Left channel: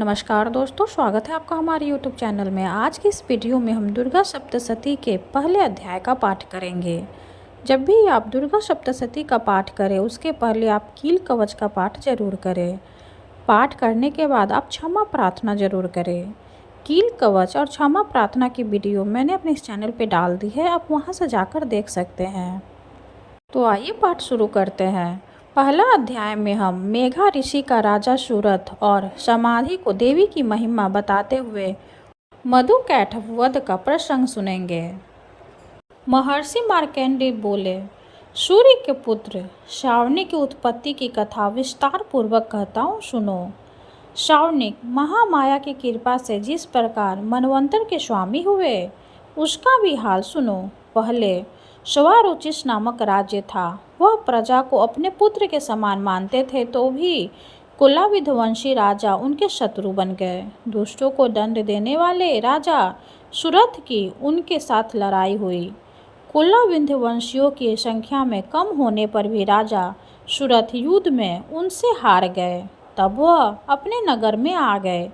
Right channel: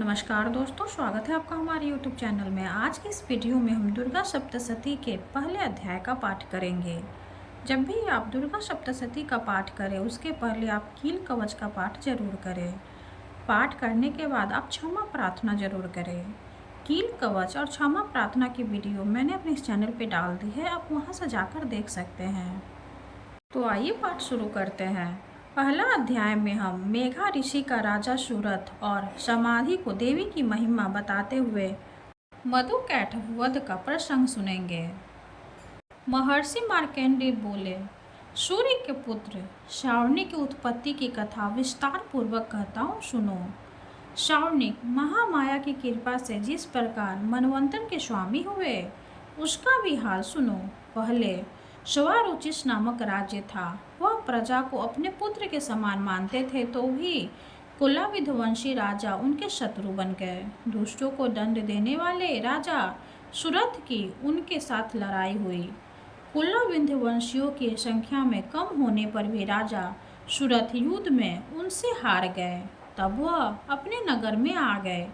नमस्कार दोस्तों, स्वागत है आपका हमारे YouTube चैनल में। आज की इस वीडियो में हम दुर्गा सप्तशती के पहले अध्याय का पाठ करेंगे। जब भी आप दुर्गा सप्तशती का पाठ करें उसके पहले आप कील कवच का पाठ जरूर करें। पाठ करने के बाद आप क्षमा प्रार्थना जरूर करें। कील कवच और क्षमा प्रार्थना की वीडियो मैंने अपने इस चैनल पर डाल दी है, आप वहाँ से जाकर देख सकते हैं। तो आइए पाठ शुरू करते हैं। पहला अध्याय में हम मेघा ऋषि का राजा सूरथ और समाधि को देवी की महिमा बताते हुए मधु कैटभ वध का प्रसंग सुनेंगे। महर्षि मार्कंडेय बोले, सूर्य के पुत्र श्रावणी की उत्पत्ति की कथा विस्तार पूर्वक कहता हूँ, सुनो। श्रावणिक महामाया की कृपा से जिस प्रकार मनवंतर के स्वामी हुए उसका भी हाल सुनो। पहले श्वारोचिष नामक राज्य था। वह प्रजा को अपने पुत्र के समान मानते थे, तो भी कुलाविध्वंसी राजा उनके शत्रु बन गए। दुष्टों को दंड देने वाले राजा सुरथ की उनके साथ लड़ाई हुई। कुलाविध्वंसियों की संख्या में कम होने पर भी राजा सुरथ युद्ध में उनसे हार गए। तब वह अपने नगर में आ गए।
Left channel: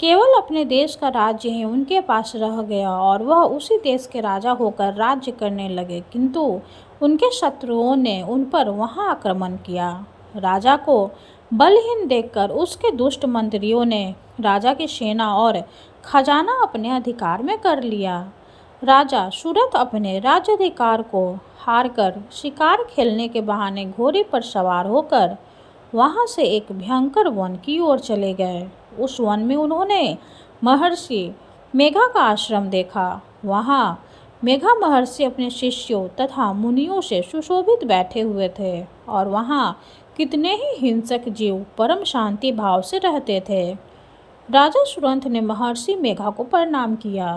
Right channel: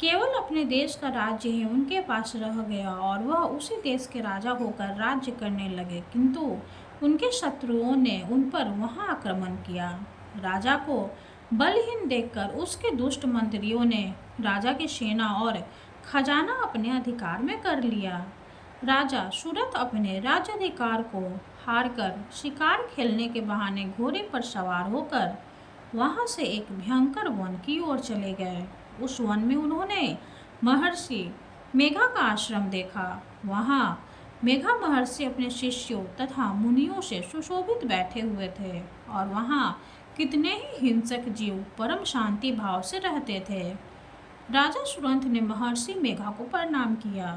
केवल अपने देश का राज्य ही उनके पास रह गया और वह उसी देश के राजा होकर राज्य करने लगे, किंतु उनके शत्रुओं ने उन पर वहां आक्रमण किया। राजा को बलहीन देखकर उसके दुष्ट मंत्रियों ने राजा की सेना और खजाना अपने अधिकार में कर लिया। राजा सूरथ अपने राज्याधिकार को हारकर शिकार खेलने के बहाने घोड़े पर सवार होकर वहां से एक भयंकर वन की ओर चले गए। उस वन में उन्होंने महर्षि मेघा का आश्रम देखा। वहां मेघा महर्षि अपने शिष्यों तथा मुनियों से सुशोभित बैठे हुए थे और वहां कितने ही हिंसक जीव परम शांति भाव से रहते थे। राजा सुरथ ने महर्षि मेघा को प्रणाम किया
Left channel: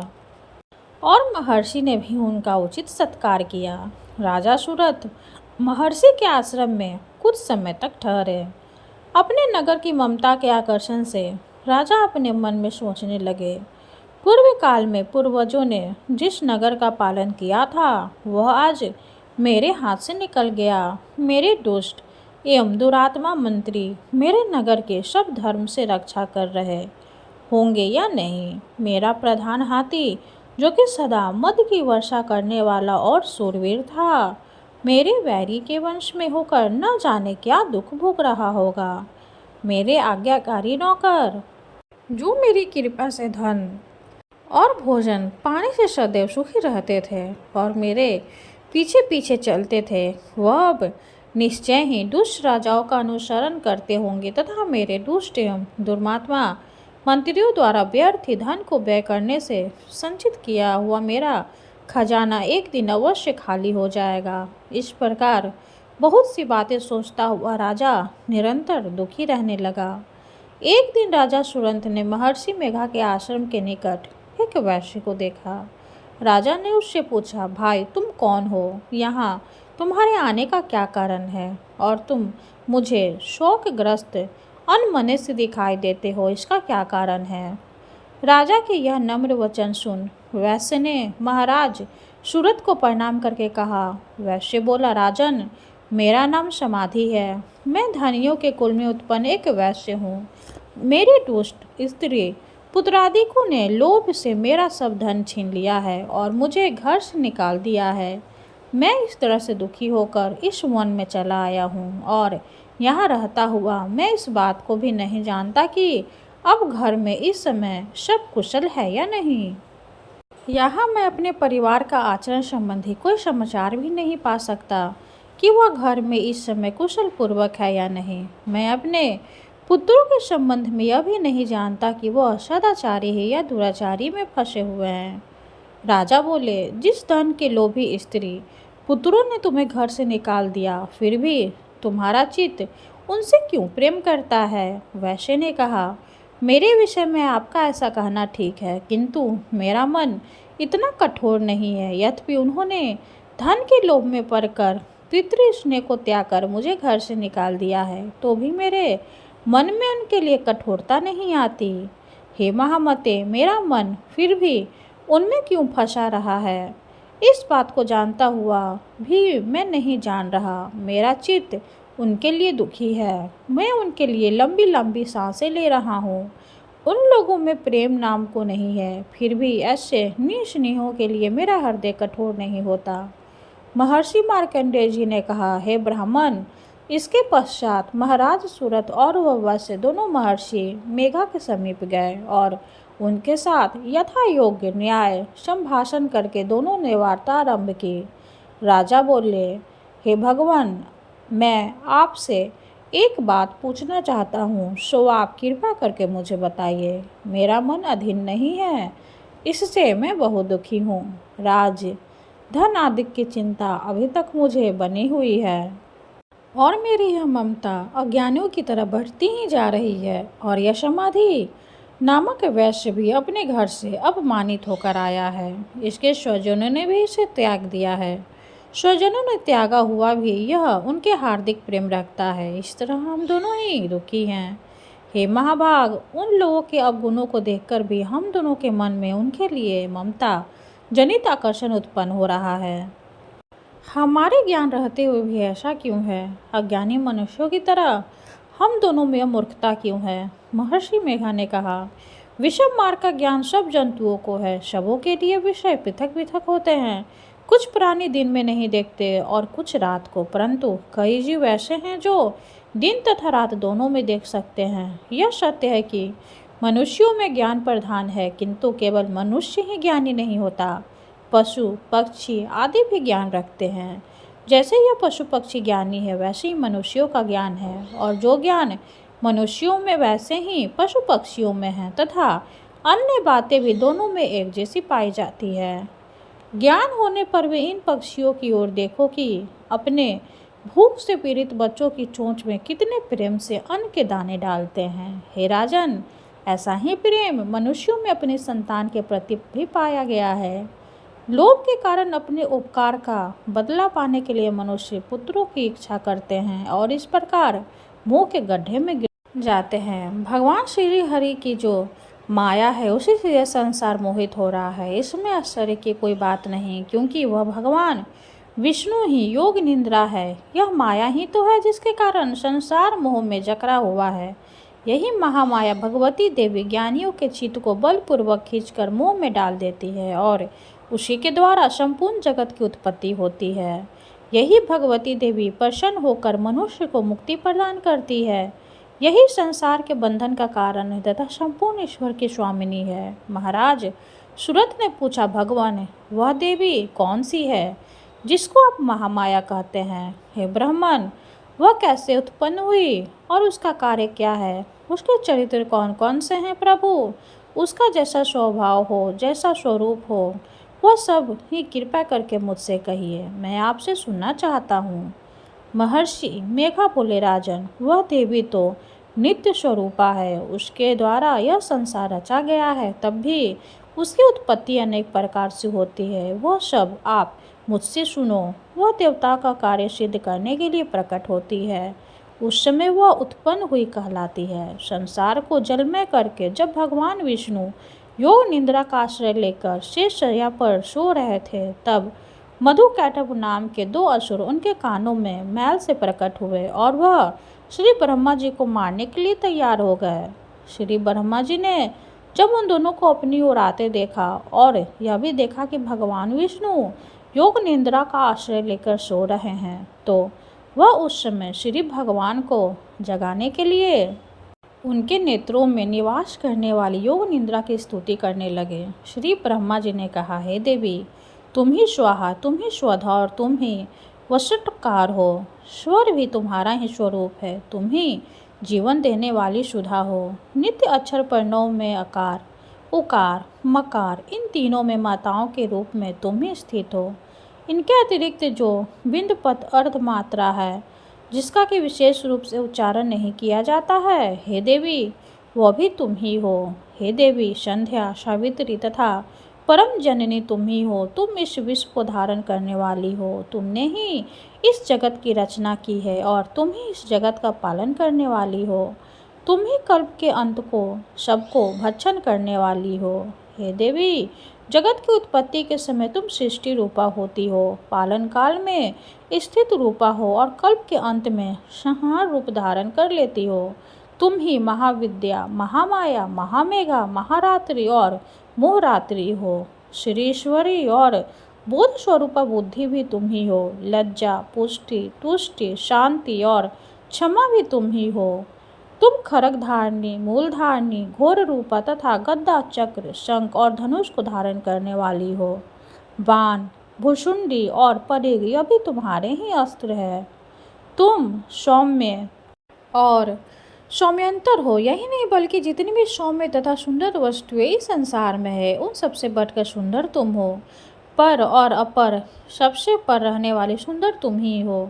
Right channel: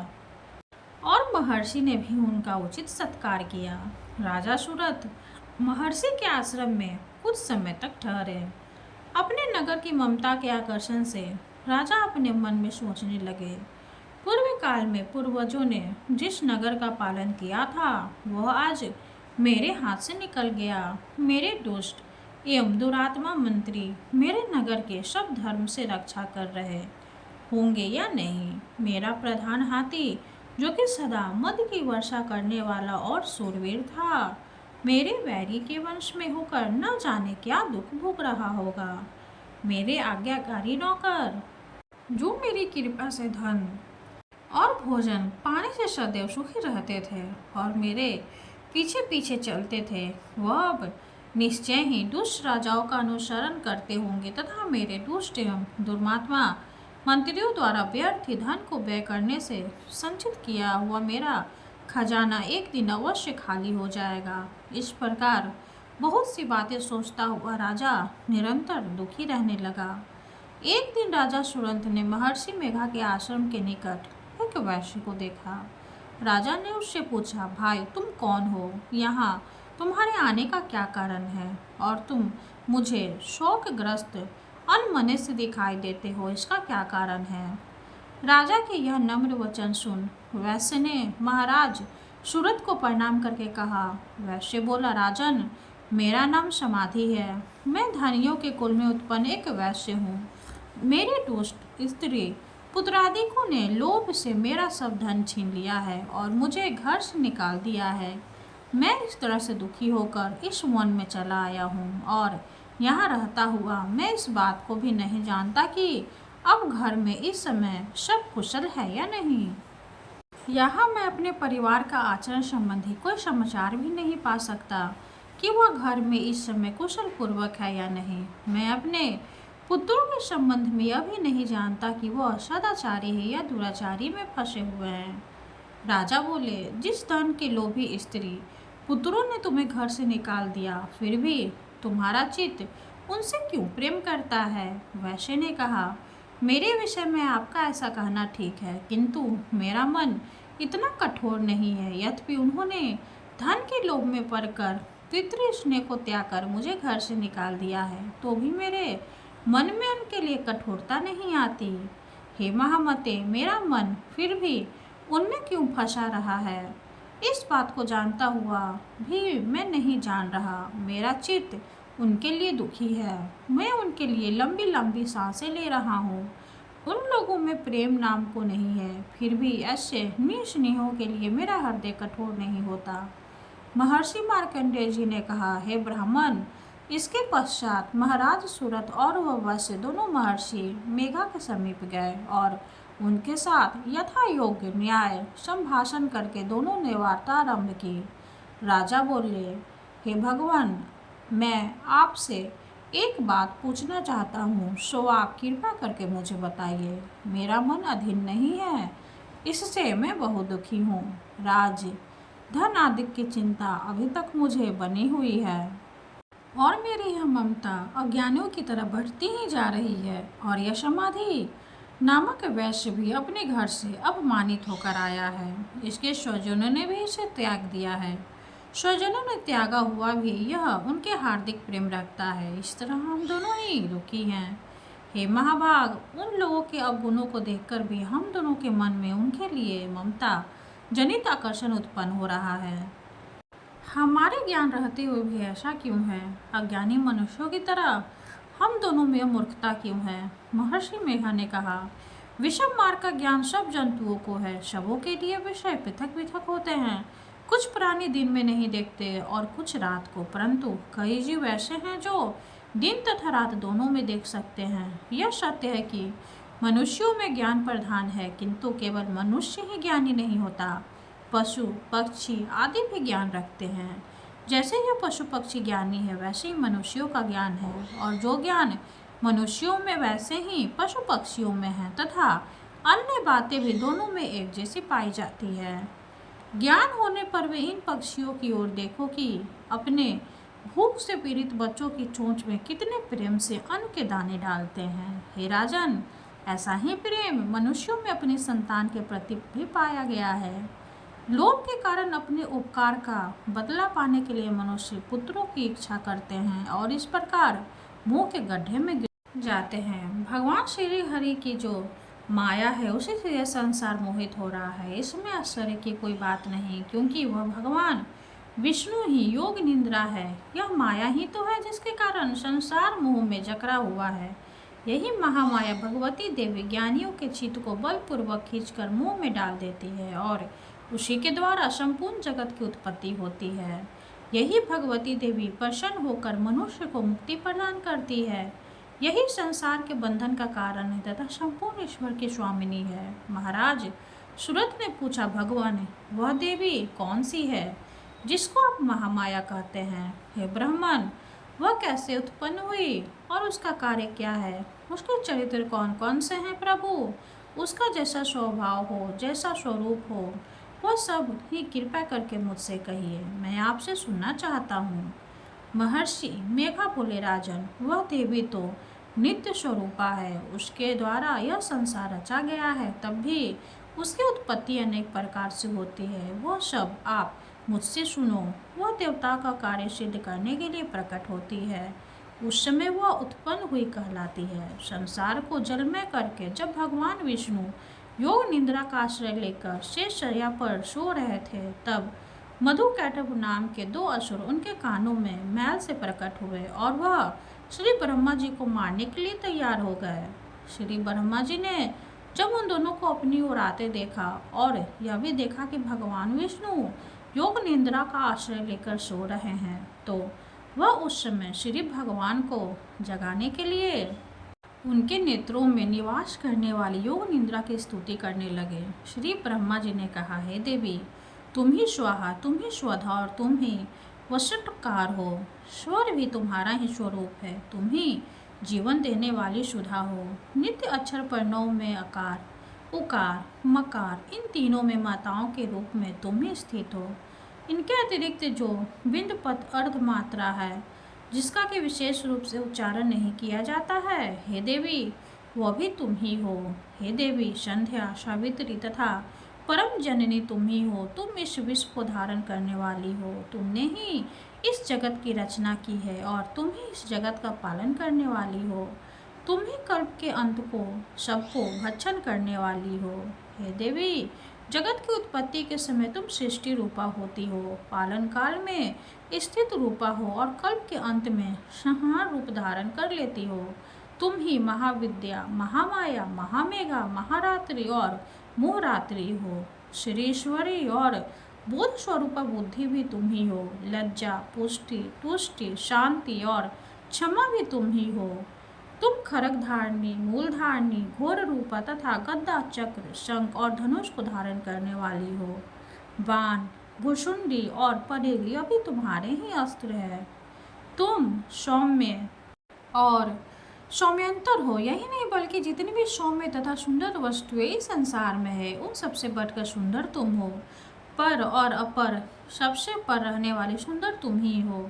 और महर्षि ने भी उनका उचित सत्कार किया। राजा सुरथ महर्षि के आश्रम में कुछ समय तक ठहरे। अपने नगर की ममता के आकर्षण से राजा अपने मन में सोचने लगे, पूर्व काल में पूर्वजों ने जिस नगर का पालन किया था वह आज मेरे हाथ से निकल गया। मेरे दुष्ट एवं दुरात्मा मंत्री मेरे नगर के सब धर्म से रक्षा कर रहे होंगे या नहीं। मेरा प्रधान हाथी, जो कि सदा मद की वर्षा करने वाला और शूरवीर था, मेरे वैरी के वंश में होकर न जाने क्या दुख भोग रहा होगा। मेरे आज्ञाकारी नौकर, जो मेरी कृपा से धन और भोजन पाने से सदैव सुखी रहते थे और मेरे पीछे पीछे चलते थे, वह अब निश्चय ही दुष्ट राजाओं का अनुसरण करते होंगे तथा मेरे दुष्ट एवं दुर्मात्मा मंत्रियों द्वारा व्यर्थ ही धन को व्यय करने से संचित किया हुआ मेरा खजाना एक दिन अवश्य खाली हो जाएगा। इस प्रकार बहुत सी बातें सोचता हुआ राजा निरंतर दुखी रहने लगा। एक दिन राजा सुरथ ने महर्षि मेघा के आश्रम के निकट एक वैश्य को देखा। राजा ने उससे पूछा, भाई तुम कौन हो? यहाँ तुम्हारे आने का क्या कारण है और तुम मुझे शोकग्रस्त अनमने से दिखाई देते हो, इसका क्या कारण है? राजा के यह नम्र वचन सुन वैश्य ने महाराज सूरथ को प्रणाम करके कहा। वैश्य बोला, राजन, मेरा नाम समाधि है। मैं धनियों के कुल में उत्पन्न एक वैश्य हूँ। मेरे दुष्ट स्त्री पुत्रादिकों ने लोभ से मेरा सब धन छीन लिया है और मुझे घर से निकाल दिया है। मैं इस तरह से दुखी होकर इस वन में चला आया हूँ और यहाँ रहता हुआ मैं इस बात को भी नहीं जानता कि अब घर में इस समय सब कुशल है या नहीं। यहाँ मैं अपने परिवार का आचरण संबंधी कोई समाचार भी नहीं पा सकता कि वह घर में इस समय कुशल पूर्वक है या नहीं। मैं अपने पुत्रों के संबंध में यह भी नहीं जानता कि वह सदाचारी है या दुराचारी में फंसे हुए हैं। राजा बोले, जिस धन के लोभी स्त्री पुत्रों ने तुम्हें घर से निकाल दिया, फिर भी तुम्हारा चित्त उनसे क्यों प्रेम करता है? वैश्य ने कहा, मेरे विषय में आपका ऐसा कहना ठीक है, किंतु मेरा मन इतना कठोर नहीं है। यद्यपि उन्होंने धन के लोभ में पड़कर पितृ स्नेह को त्याग कर मुझे घर से निकाल दिया है, तो भी मेरे मन में उनके लिए कठोरता नहीं आती। हे महामते, मेरा मन फिर भी उनमें क्यों फंसा रहा है? इस बात को जानता हुआ भी मैं नहीं जान रहा। मेरा चित्त उनके लिए दुखी है। मैं उनके लिए लंबी लंबी सांसें ले रहा हूँ उन लोगों में प्रेम नाम को नहीं है, फिर भी ऐसे निस्नेहों के लिए मेरा हृदय कठोर नहीं होता। महर्षि मार्कंडेय जी ने कहा, हे ब्राह्मण। इसके पश्चात महाराज सुरथ और वह वैश्य दोनों महर्षि मेघा के समीप गए और उनके साथ यथा योग्य न्याय संभाषण करके दोनों ने वार्ता आरंभ की। राजा बोले, हे भगवान, मैं आपसे एक बात पूछना चाहता हूँ, सो आप कृपा करके मुझे बताइए। मेरा मन अधीन नहीं है, इससे मैं बहुत दुखी हूँ। राज, धन आदि की चिंता अभी तक मुझे बनी हुई है और मेरी यह ममता अज्ञानियों की तरह बढ़ती ही जा रही है। और यह समाधि नामक वैश्य भी अपने घर से अपमानित होकर आया है। इसके स्वजनों ने भी इसे त्याग दिया है। स्वजनों ने त्यागा हुआ भी यह उनके हार्दिक प्रेम रखता है। इस तरह हम दोनों ही दुखी हैं। हे महाभाग, उन लोगों के अवगुणों को देखकर भी हम दोनों के मन में उनके लिए ममता जनित आकर्षण उत्पन्न हो रहा है। हमारे ज्ञान रहते हुए भी ऐसा क्यों है? अज्ञानी मनुष्यों की तरह हम दोनों में मूर्खता क्यों है? महर्षि मेघा ने कहा, विषम मार्ग का ज्ञान सब जंतुओं को है। सबों के लिए विषय पृथक पृथक होते हैं। कुछ प्राणी दिन में नहीं देखते और कुछ रात को, परंतु कई जीव ऐसे हैं जो दिन तथा रात दोनों में देख सकते हैं। यह सत्य है कि मनुष्यों में ज्ञान प्रधान है, किंतु केवल मनुष्य ही ज्ञानी नहीं होता। पशु पक्षी आदि भी ज्ञान रखते हैं। जैसे यह पशु पक्षी ज्ञानी है, वैसे ही मनुष्यों का ज्ञान है, और जो ज्ञान मनुष्यों में वैसे ही पशु पक्षियों में है, तथा अन्य बातें भी दोनों में एक जैसी पाई जाती है। ज्ञान होने पर भी इन पक्षियों की ओर देखो कि अपने भूख से पीड़ित बच्चों की चोंच में कितने प्रेम से अन्न के दाने डालते हैं। हे राजन, ऐसा ही प्रेम मनुष्यों में अपनी संतान के प्रति भी पाया गया है। लोभ के कारण अपने उपकार का बदला पाने के लिए मनुष्य पुत्रों की इच्छा करते हैं और इस प्रकार मुंह के गड्ढे में गिर जाते हैं। भगवान श्री हरि की जो माया है, उसी से यह संसार मोहित हो रहा है। इसमें आश्चर्य की कोई बात नहीं, क्योंकि वह भगवान विष्णु ही योग निंद्रा है। यह माया ही तो है जिसके कारण संसार मोह में जकड़ा हुआ है। यही महामाया भगवती देवी ज्ञानियों के चित्त को बलपूर्वक खींचकर मोह में डाल देती है और उसी के द्वारा संपूर्ण जगत की उत्पत्ति होती है। यही भगवती देवी प्रसन्न होकर मनुष्य को मुक्ति प्रदान करती है। यही संसार के बंधन का कारण है तथा संपूर्ण ईश्वर की स्वामिनी है। महाराज सुरथ ने पूछा, भगवान, वह देवी कौन सी है जिसको आप महामाया कहते हैं? हे ब्राह्मण, वह कैसे उत्पन्न हुई और उसका कार्य क्या है? उसके चरित्र कौन कौन से हैं प्रभु? उसका जैसा स्वभाव हो, जैसा स्वरूप हो, वह सब ही कृपा करके मुझसे कहिए, मैं आपसे सुनना चाहता हूँ। महर्षि मेघा बोले, राजन, वह देवी तो नित्य स्वरूपा है। उसके द्वारा यह संसार रचा गया है, तब भी उसकी उत्पत्ति अनेक प्रकार से होती है। वह सब आप मुझसे सुनो। वह देवता का कार्य सिद्ध करने के लिए प्रकट होती है। उस समय वह उत्पन्न हुई कहलाती है। संसार को जलमय करके जब भगवान विष्णु योग निंद्रा का आश्रय लेकर शेष शैया पर सो रहे थे, तब मधुकैटभ नाम के दो असुर उनके कानों में मैल से प्रकट हुए और वह श्री ब्रह्मा जी को मारने के लिए तैयार हो गए। श्री ब्रह्मा जी ने जब उन दोनों को अपनी ओर आते देखा और यह भी देखा कि भगवान विष्णु योग निंद्रा का आश्रय लेकर सो रहे हैं, तो वह उस समय श्री भगवान को जगाने के लिए उनके नेत्रों में निवास करने वाली योग निंद्रा की स्तुति करने लगे। श्री ब्रह्मा जी ने कहा, हे देवी, तुम ही स्वाहा, तुम ही स्वधा और तुम ही वषटकार हो। स्वर भी तुम्हारा ही स्वरूप है। तुम ही जीवन देने वाली सुधा हो। नित्य अक्षर प्रणव में अकार, उकार, मकार, इन तीनों में माताओं के रूप में तुम ही स्थित हो। इनके अतिरिक्त जो बिंद पद अर्धमात्रा है, जिसका कि विशेष रूप से उच्चारण नहीं किया जाता है, हे देवी, वह भी तुम ही हो। हे देवी, संध्या, सावित्री तथा परम जननी तुम ही हो। तुम इस विश्व को धारण करने वाली हो। तुमने ही इस जगत की रचना की है और तुम ही इस जगत का पालन करने वाली हो। तुम ही कल्प के अंत को सबको भक्षण करने वाली हो। हे देवी, जगत की उत्पत्ति के समय तुम सृष्टि रूपा होती हो, पालन काल में स्थित रूपा हो और कल्प के अंत में संहार रूप धारण कर लेती हो। तुम ही महाविद्या, महामाया, महामेघा, महारात्रि और मोहरात्रि हो। श्रीश्वरी और बोध स्वरूपा बुद्धि भी तुम ही हो। लज्जा, पुष्टि, तुष्टि, शांति और क्षमा भी तुम ही हो। तुम खरग धारणी, मूल धारणी, घोर रूपा तथा गद्दा, चक्र, शंख और धनुष को धारण करने वाली हो। बाण, भुशुंडी और परेग यह भी तुम्हारे ही अस्त्र है। तुम सौम्य और सौम्यंतर हो। यही नहीं बल्कि जितनी भी सौम्य तथा सुंदर वस्तुएं इस संसार में है उन सबसे बढ़कर सुंदर तुम हो। पर और अपर सबसे पर रहने वाली सुंदर तुम ही हो।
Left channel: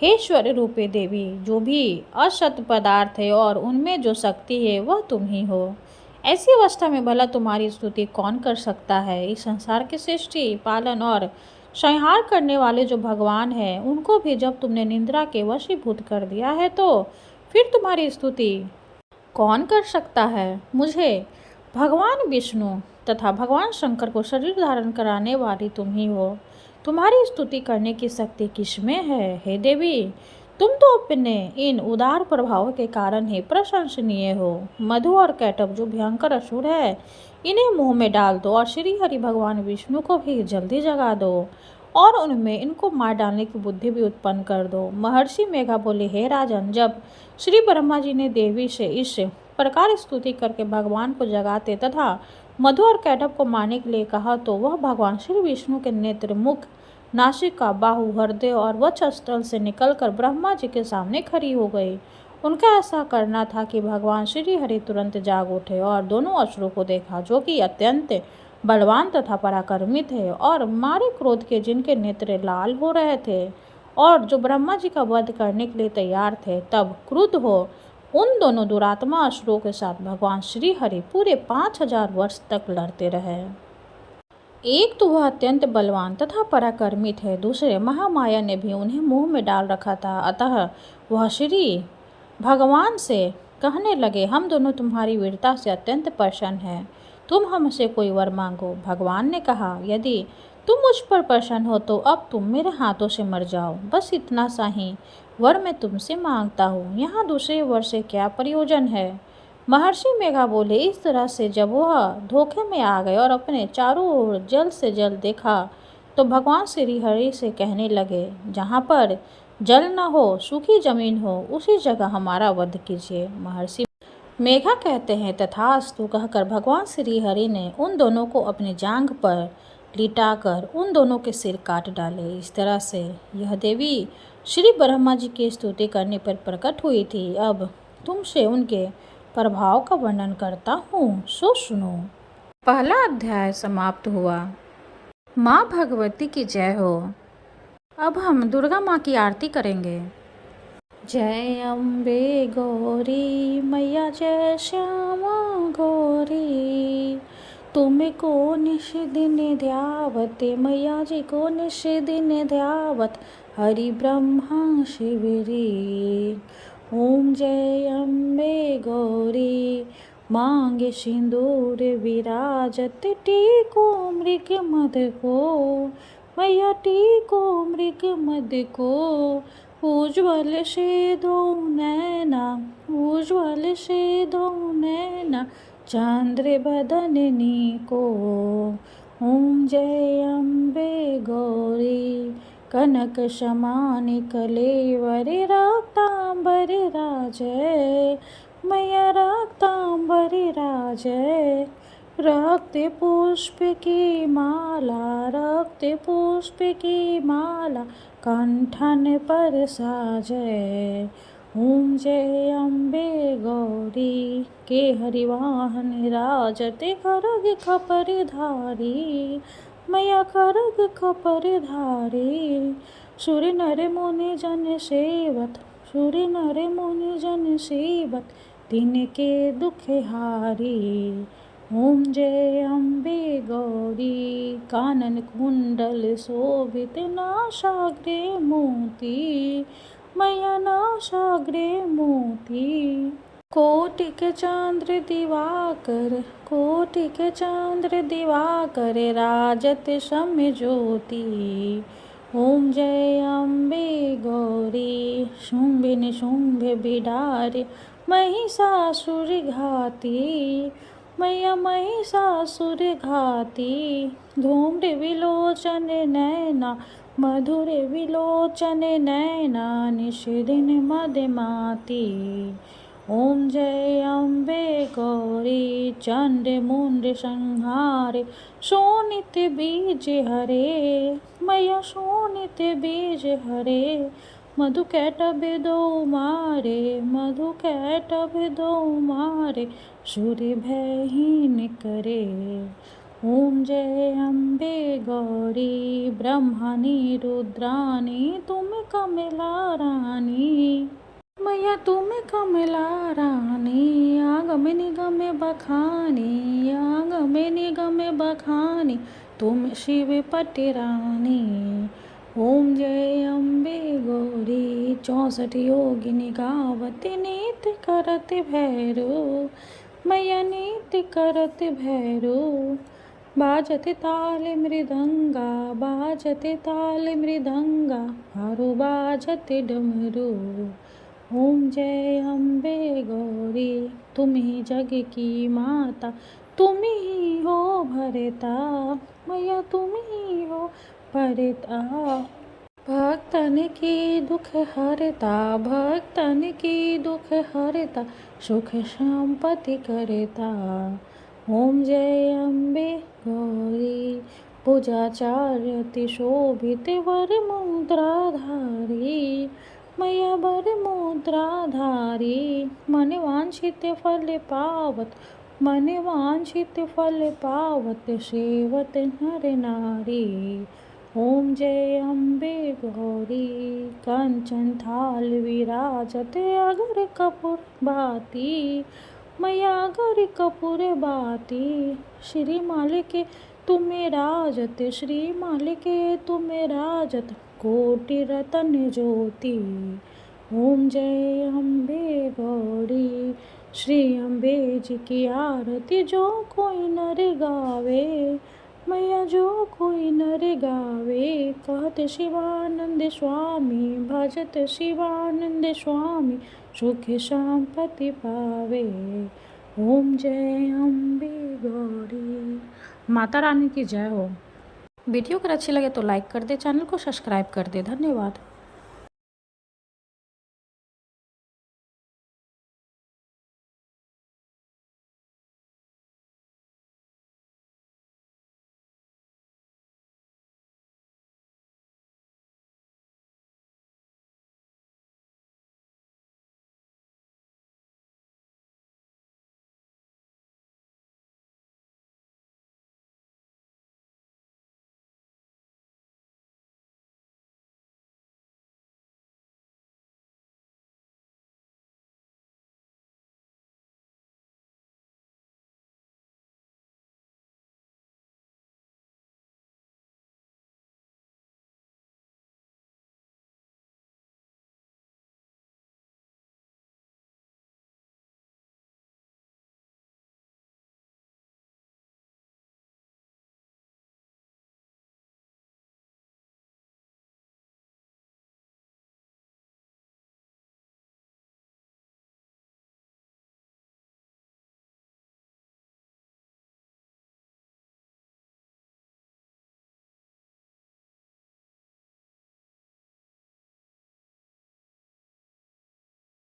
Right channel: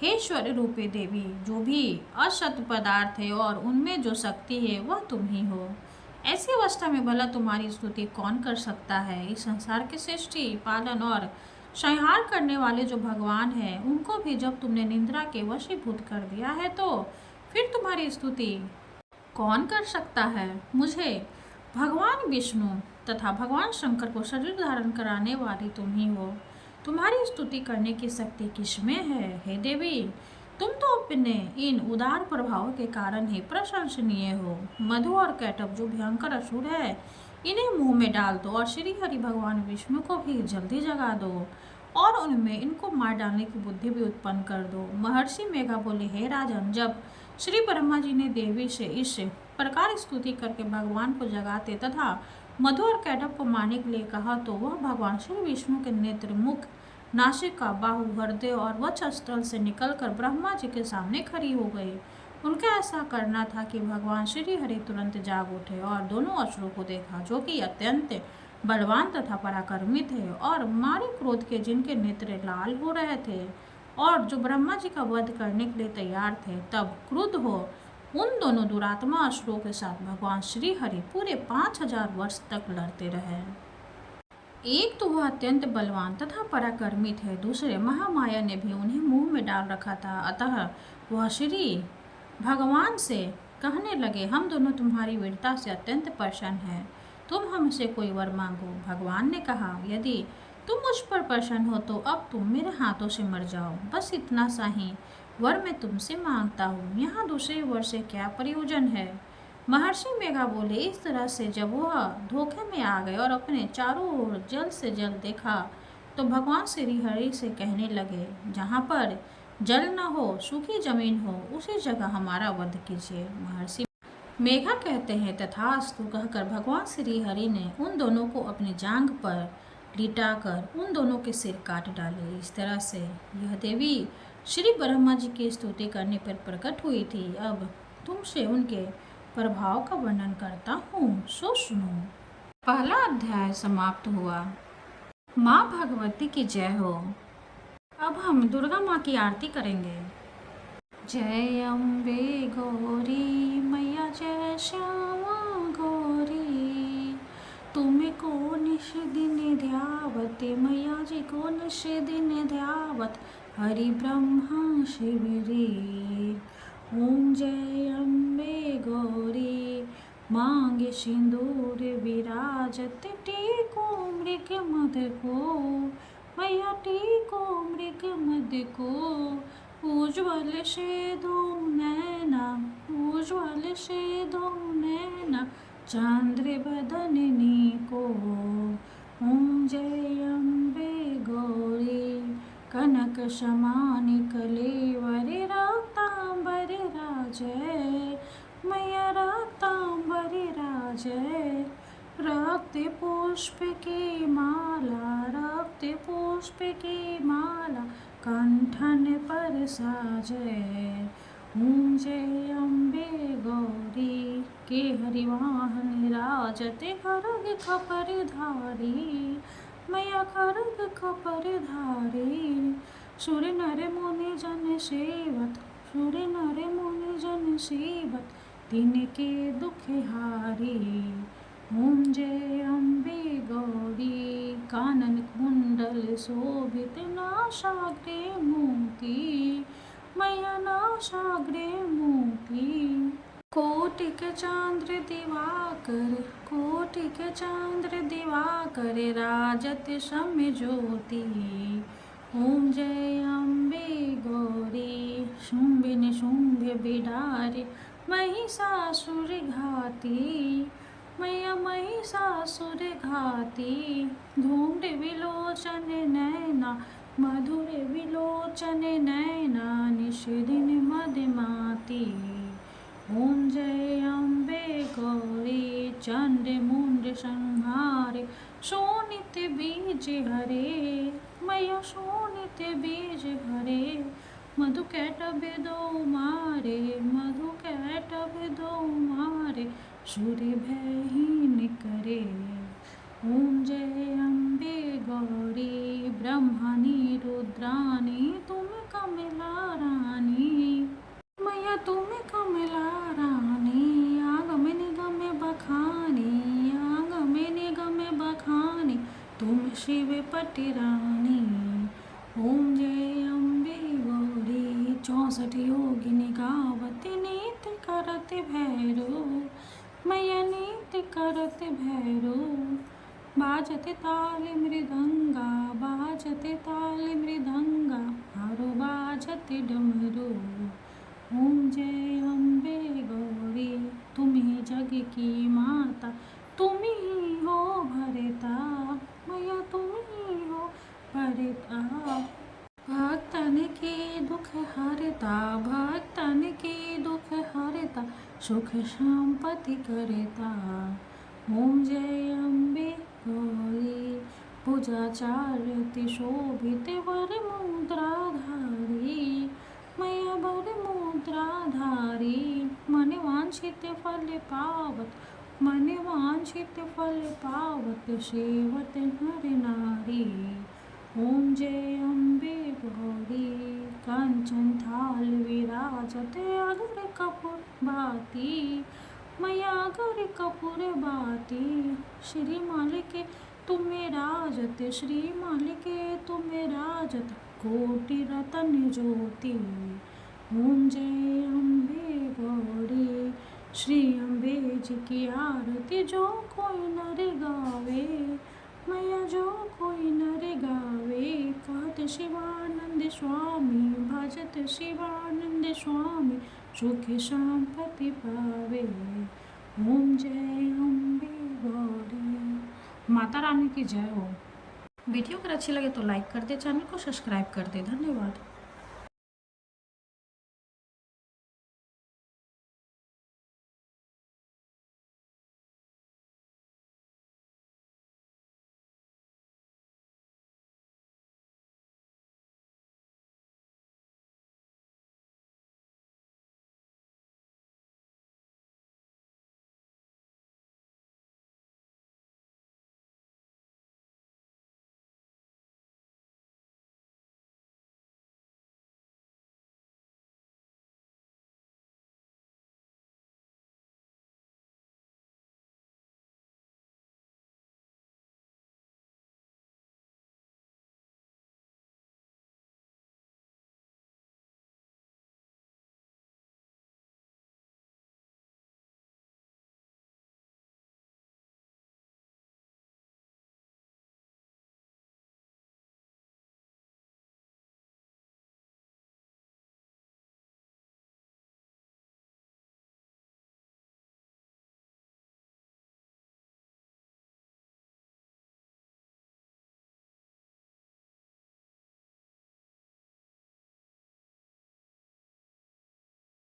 हे ईश्वर रूपे देवी, जो भी असत पदार्थ है और उनमें जो शक्ति है वह तुम ही हो। ऐसी अवस्था में भला तुम्हारी स्तुति कौन कर सकता है। इस संसार की सृष्टि, पालन और संहार करने वाले जो भगवान हैं उनको भी जब तुमने निंद्रा के वशीभूत कर दिया है तो फिर तुम्हारी स्तुति कौन कर सकता है। मुझे भगवान विष्णु तथा भगवान शंकर को शरीर धारण कराने वाली तुम ही हो। तुम्हारी स्तुति करने की शक्ति किसमें है। हे देवी, तुम तो अपने इन उदार प्रभाव के कारण ही प्रशंसनीय हो। मधु और कैटभ जो भयंकर असुर है इन्हें मुंह में डाल दो और श्री हरि भगवान विष्णु को भी जल्दी जगा दो और उनमें इनको मार डालने की बुद्धि भी उत्पन्न कर दो। महर्षि मेघा बोले, हे राजन, जब श्री ब्रह्मा जी ने देवी से इस प्रकार स्तुति करके भगवान को जगाते तथा मधु और कैटभ को मारने के लिए कहा तो वह भगवान श्री विष्णु के नेत्र, मुख, नासिका, बाहु, हृदय और वक्षस्थल से निकलकर ब्रह्मा जी के सामने खड़ी हो गई। उनका ऐसा करना था कि भगवान श्री हरि तुरंत जाग उठे और दोनों असुरों को देखा जो कि अत्यंत बलवान तथा पराक्रमी थे और मारे क्रोध के जिनके नेत्र लाल हो रहे थे और जो ब्रह्मा जी का वध करने के लिए तैयार थे। तब क्रुद्ध हो उन दोनों दुरात्मा असुरों के साथ भगवान श्री हरि पूरे 5000 वर्ष तक लड़ते रहे। एक तो वह अत्यंत बलवान तथा पराक्रमी थे, दूसरे महामाया ने भी उन्हें मुंह में डाल रखा था। अतः वह श्री भगवान से कहने लगे, हम दोनों तुम्हारी वीरता से अत्यंत प्रसन्न हैं, तुम हमसे कोई वर मांगो। भगवान ने कहा, यदि तुम मुझ पर प्रसन्न हो तो अब तुम मेरे हाथों से मर जाओ। बस इतना सा ही वर मैं तुमसे मांगता हूँ, यहाँ दूसरे वर से क्या प्रयोजन है। महर्षि मेघा बोले, इस तरह से जब वह धोखे में आ गए और अपने चारों ओर जल्द से जल्द देखा तो भगवान श्री हरि से कहने लगे, जहाँ पर जल न हो, सूखी जमीन हो, उसी जगह हमारा वध कीजिए। महर्षि मेघा कहते हैं, तथास्तु कहकर भगवान श्री हरि ने उन दोनों को अपनी जांघ पर लिटाकर उन दोनों के सिर काट डाले। इस तरह से यह देवी श्री ब्रह्मा जी की स्तुति करने पर प्रकट हुई थी। अब तुमसे उनके प्रभाव का वर्णन करता हूँ, सो सुनो। पहला अध्याय समाप्त हुआ। माँ भगवती की जय हो। अब हम दुर्गा माँ की आरती करेंगे। जय अम्बे गौरी मैया, जय श्यामा गौरी, तुम्हें को निश दिन ध्यावत, मैया जी को निश दिन ध्यावत, हरि ब्रह्मा शिवरी। ओम जय अम्बे गौरी, मांगे सिंदूर विराजत, टीको मृग मद को, मैया टीको मृग मद को, उज्ज्वल से दो नैना, उज्ज्वल से दो नैना, चंद्र बदननी को। ओम जय अम्बे गौरी, कनक समान कलेवर, रक्तांबर राजय, मैया रक्तांबर राजय, रक्त पुष्प की माला, रक्त पुष्प की माला, कंठन पर साजय। ओम जय अम्बे गौरी, के हरिवाहन राजते, खरग खपर धारी, मैया खरग खपर धारी, सुर नर मुनि जन सेवत, सुर नर मुनि जन सेवत, तिनके दुख हारी। ओम जय अम्बे गौरी, कानन कुंडल शोभित, नासाग्रे मोती, मैया नासाग्रे मोती, कोटिक चंद्र दिवाकर, कोटिक चंद्र दिवाकर, राजत सम ज्योति। ओम जय अम्बे गौरी, शुंभ निशुंभ बिडारी, महिषासुर घाती, मैया महिषासुर घाती। धूम्र विलोचन नैना, मधुर विलोचन नैना, निषिदिन मदमाती। ओम जय अम्बे गौरी, चंड मुंड संहारे, शोणित बीज हरे, मैया शोणित बीज हरे। मधु कैटभ दो मारे, मधु कैटभ दो मारे, सूर्य भयहीन करे। ओम जय अम्बे गौरी, ब्रह्मणी रुद्राणी, तुम कमला रानी, मैया तुम कमला रानी। आगम निगम बखानी, आगम निगम बखानी, तुम शिव पटरानी। ओम जय अम्बे गौरी, 64 योगिनी गावत, नीत करत भैरो, मैया नीत करत भैरो। बाजत ताल मृदंगा, बाजत ताल मृदंगा, हारो बाजत डमरू। ओम जय अम्बे गौरी, तुम ही जग की माता, तुम ही हो भरता, मैया तुम ही हो भरता। भक्तन की दुख हरता, भक्तन की दुख हरता, सुख संपत्ति करता। ओम जय अम्बे गौरी, पूजाचार्य शोभित वर मुद्राधारी, मैया वर मुद्राधारी। मन वांछित फल पावत, मन वांछित फल पावत, सेवत नर नारी। ओम जय अम्बे गौरी, कंचन थाल विराजत, अगर कपूर बाती, मैया अगर कपूर बाती। श्री मालिके तुम्हें राजत, श्री मालिके तुम्हें राजत, कोटि रतन ज्योति। ओम जय अम्बे गौरी, श्री अम्बे जी की आरती जो कोई नर गावे, मैया जो कोई नर गावे। कहत शिवानंद स्वामी, भजत शिवानंद स्वामी, सुख संपत्ति पावे। ओम जय अम्बे गौरी। माता रानी की जय हो। वीडियो अगर अच्छी लगे तो लाइक कर दे, चैनल को सब्सक्राइब कर दे। धन्यवाद।